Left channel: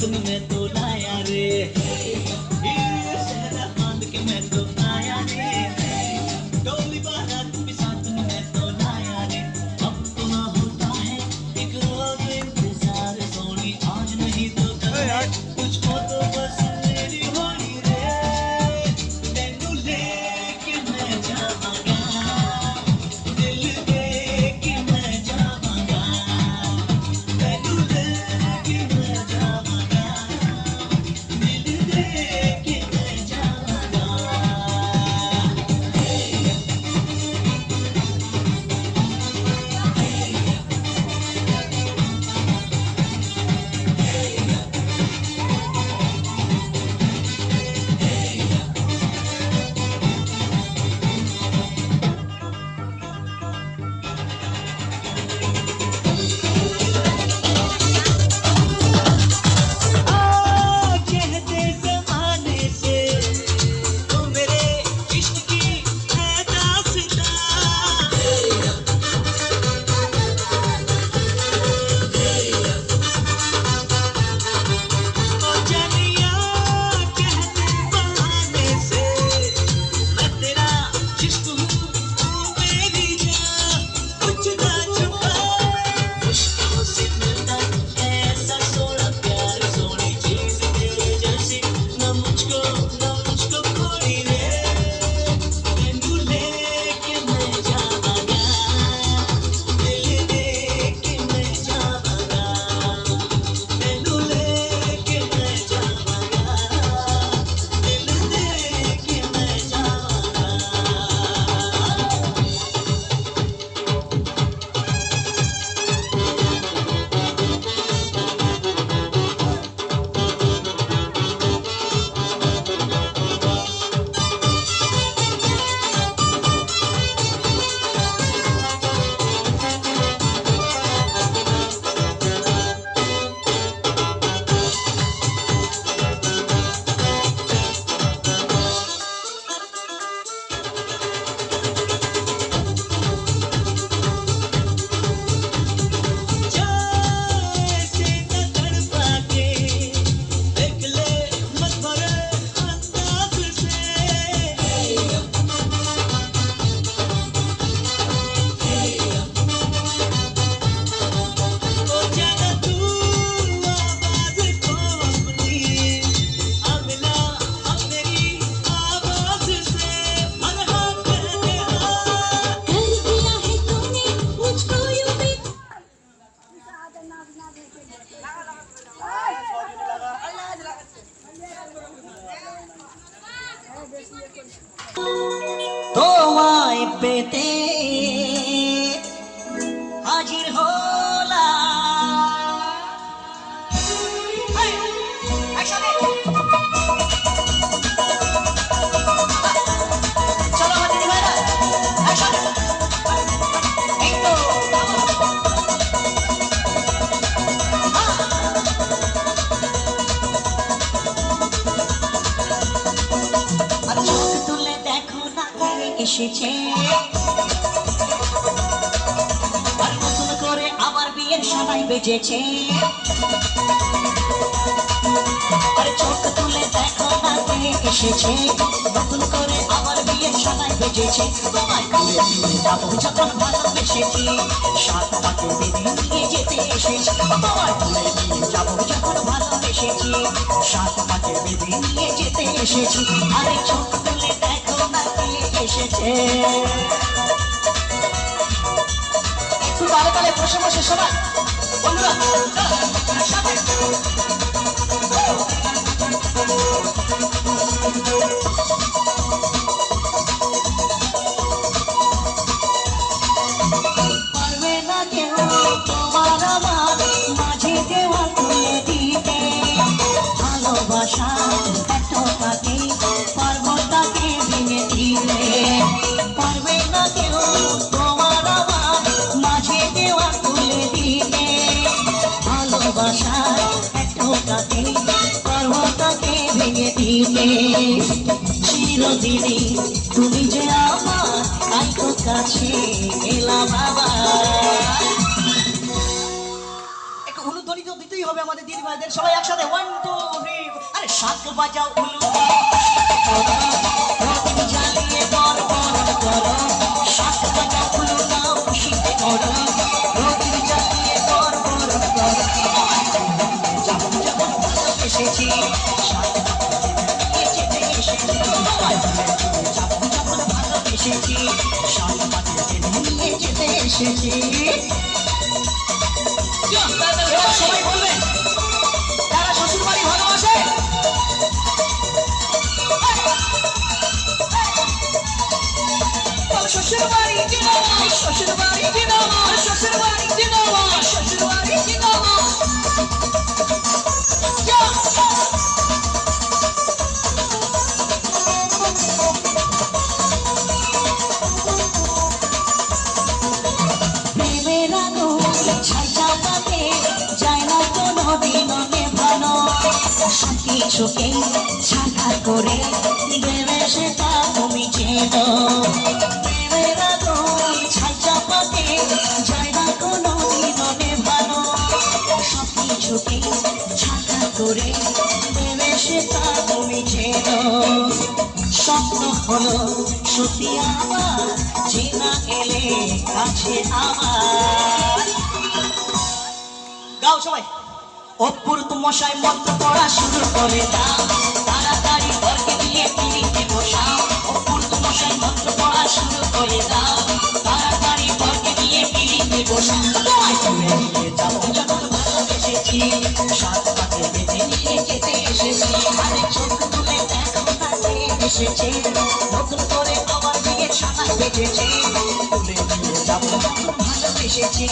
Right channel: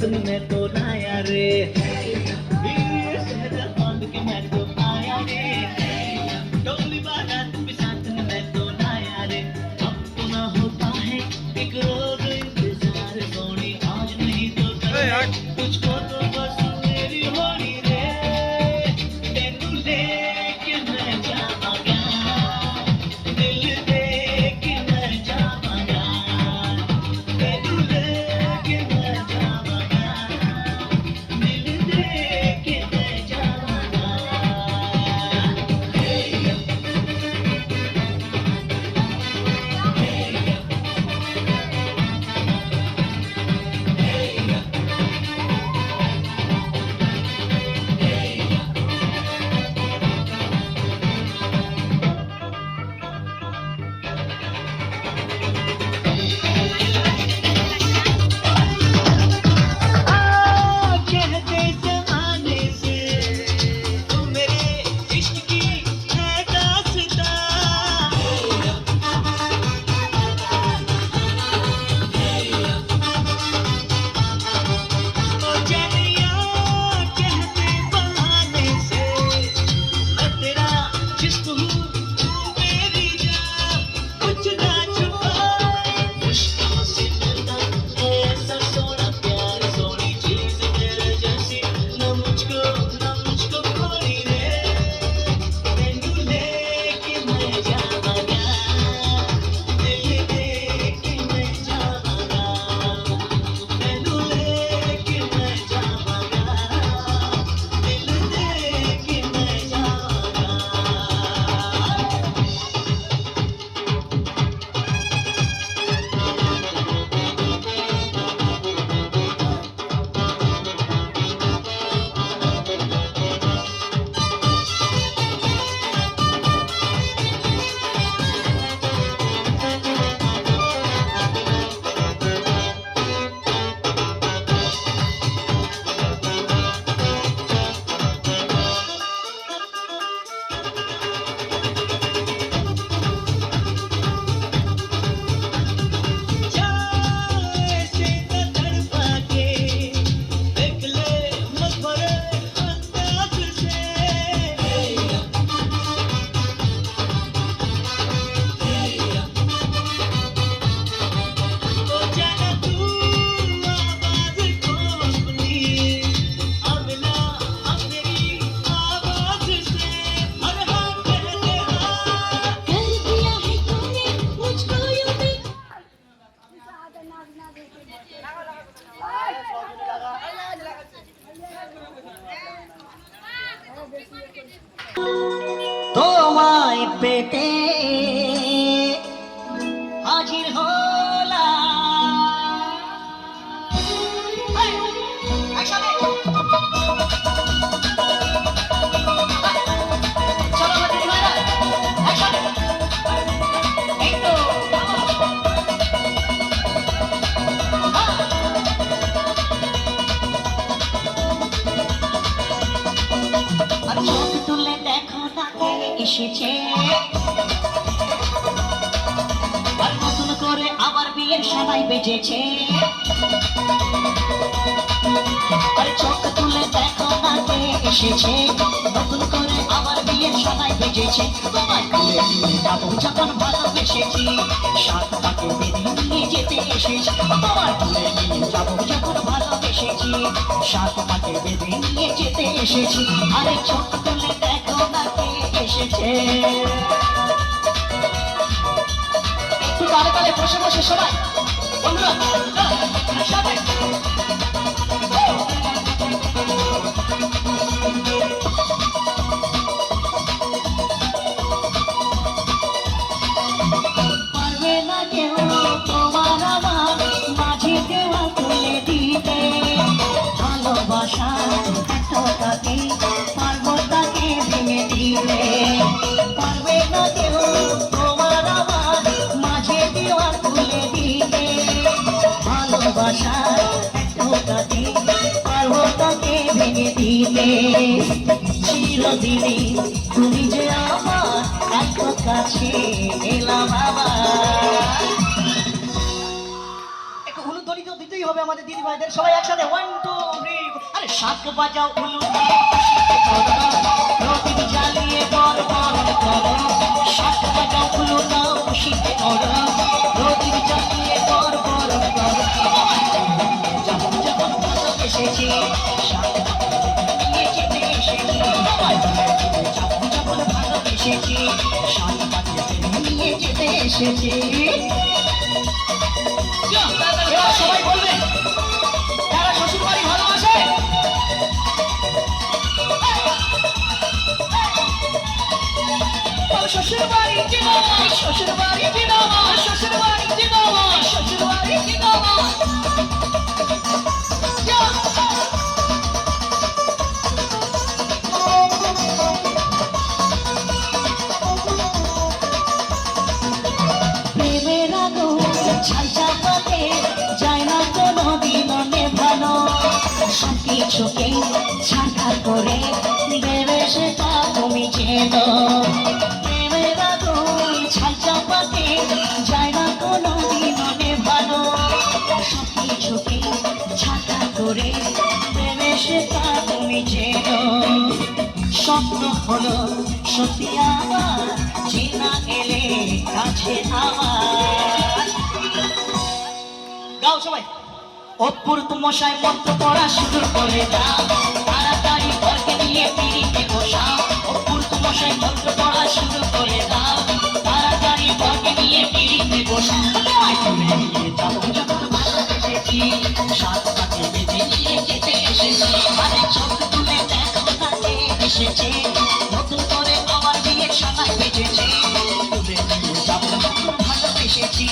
साथ में मैं तो लाया रे, ये शहरा बांध के मैं तो आया रे, डोली बारात भी साथ में मैं तो लाया रे। अब तो ना होता है एक रोज इंतजार सोनी, आज नहीं तो कल तुझको तो बस मेरी होली रे, तेनू लेके मैं जावांगा, दिल दे के मैं जावांगा, तेनू लेके मैं जावांगा, दिल दे के मैं जावांगा। कहते ज़माने से तू मेरे इश्क की है दास्तां, ओ जानिया कहते ज़माने से मैं तेरा जिस्म हूँ तू मेरी जान, कुछ ना छुपाए मुश्किल से मिलता है ऐसा सोना प्यार सोनी चीज़ तेरे जैसी ना मुझको कोई रे, तेनू लेके मैं जावांगा, दिल दे के मैं जावांगा, तेनू लेके मैं जावांगा, दिल दे के मैं जावांगा। ऐसे न तड़पा के देख ले मत भरे अंदाज से, ओ जाना तू आवाज़ को अपनी, अब ना अब मेरी आवाज़ से हर हम कहते हाँ, कर दिया है तूने मुझको यूं भी। তোমায় পেতে হাজির হলাম, একসাথে চলো আমাদের ভাইরা একসাথে, এই তো আর চোখ তুলে দেখো না কে এসেছে, আর নতুন করে আমার বিয়ের সময় বেজেছে, আরে চোখ তুলে দেখো না কে এসেছে, নতুন করে আমার বিয়ের সময় বেজেছে, তোমায় তুলে নিয়ে যাবো যখন ভালোবেসেছি, সাত পাকে বেঁধে নিয়ে যেতে এসেছি, তোমায় তুলে নিয়ে যাবো যখন ভালোবেসেছি, সাত পাকে বেঁধে নিয়ে যেতে এসেছি, আরে চোখ তুলে দেখো না কে এসেছে। একটু তালে তালে বসে বসে শোনান বন্ধুরা, একসাথে পারবে না কেউ তোমার আমার মাঝে দেওয়া তুলে দিতে, ভালোবাসার এতটাকে পারবো তাকে ভেঙে দিতে, পারবে না কেউ তোমার আমার মাঝে দেওয়া তুলে দিতে, ভালোবাসার এতটাকে পারবো তাকে ভেঙে দিতে, চিরদিনই তুমি যে আমার এত কাছে এলাম আবার। একটু হলুদ দড়ি তো দিতেই হবে আমাদের দিদি ভাইদের, সবাই একসাথে 1 শাক বাজাও উলু রতিন জ্বালিয়ে বড় বড় করো শাক বাজাও উলু দাও খুশিতে করো রতিন জ্বালিয়ে বড় বড় করো যখন যখন এসেছি শাক নিয়ে যেতে এসেছি যখন যখন এসেছি শাক নিয়ে যেতে এসেছি সবাই বলবে তারা শ্বশুর বাড়ি ভালোবাসে শ্বশুর বাড়ি জিন্দাবাদ শ্বশুর বাড়ি জিন্দাবাদ শ্বশুর বাড়ি জিন্দাবাদ শ্বশুর বাড়ি জিন্দাবাদ প্রেমের আগুন ছাই চাপাতে যায় না কোনো দিনও নেভানো সব কিছুকে ছাড়খাড় করে দেবে সেটা তুমি চেনো প্রেমের আগুন ছাই চাপাতে যায় না কোনো দিনও নেভানো সব কিছুকে ছাড়খাড় করে দেবে সেটা তুমি চেনো স্বপ্ন হলো সত্যি আমার চেনা এলে কাছে আমার গাও সবাই অপূর্ব মশাই মন্ত্র পড়া শুরু করে দাও তাড়াতাড়ি ঘরকে নিয়ে পিড়িতে বসাও অপূর্ব মশাই মন্ত্র পড়া শুরু করে দাও তাড়াতাড়ি ঘরকে নিয়ে পিড়িতে বসাও যখন যখন ভালোবেসেছি সাত পাতে বেঁধে নিয়ে যেতে এসেছি মানে চোখ তুলে দেখো কাছে এসেছে নতুন করে আমার বিয়ে সবাই বেঁচেছে তুলে নিয়ে যাবো ভালোবেসেছি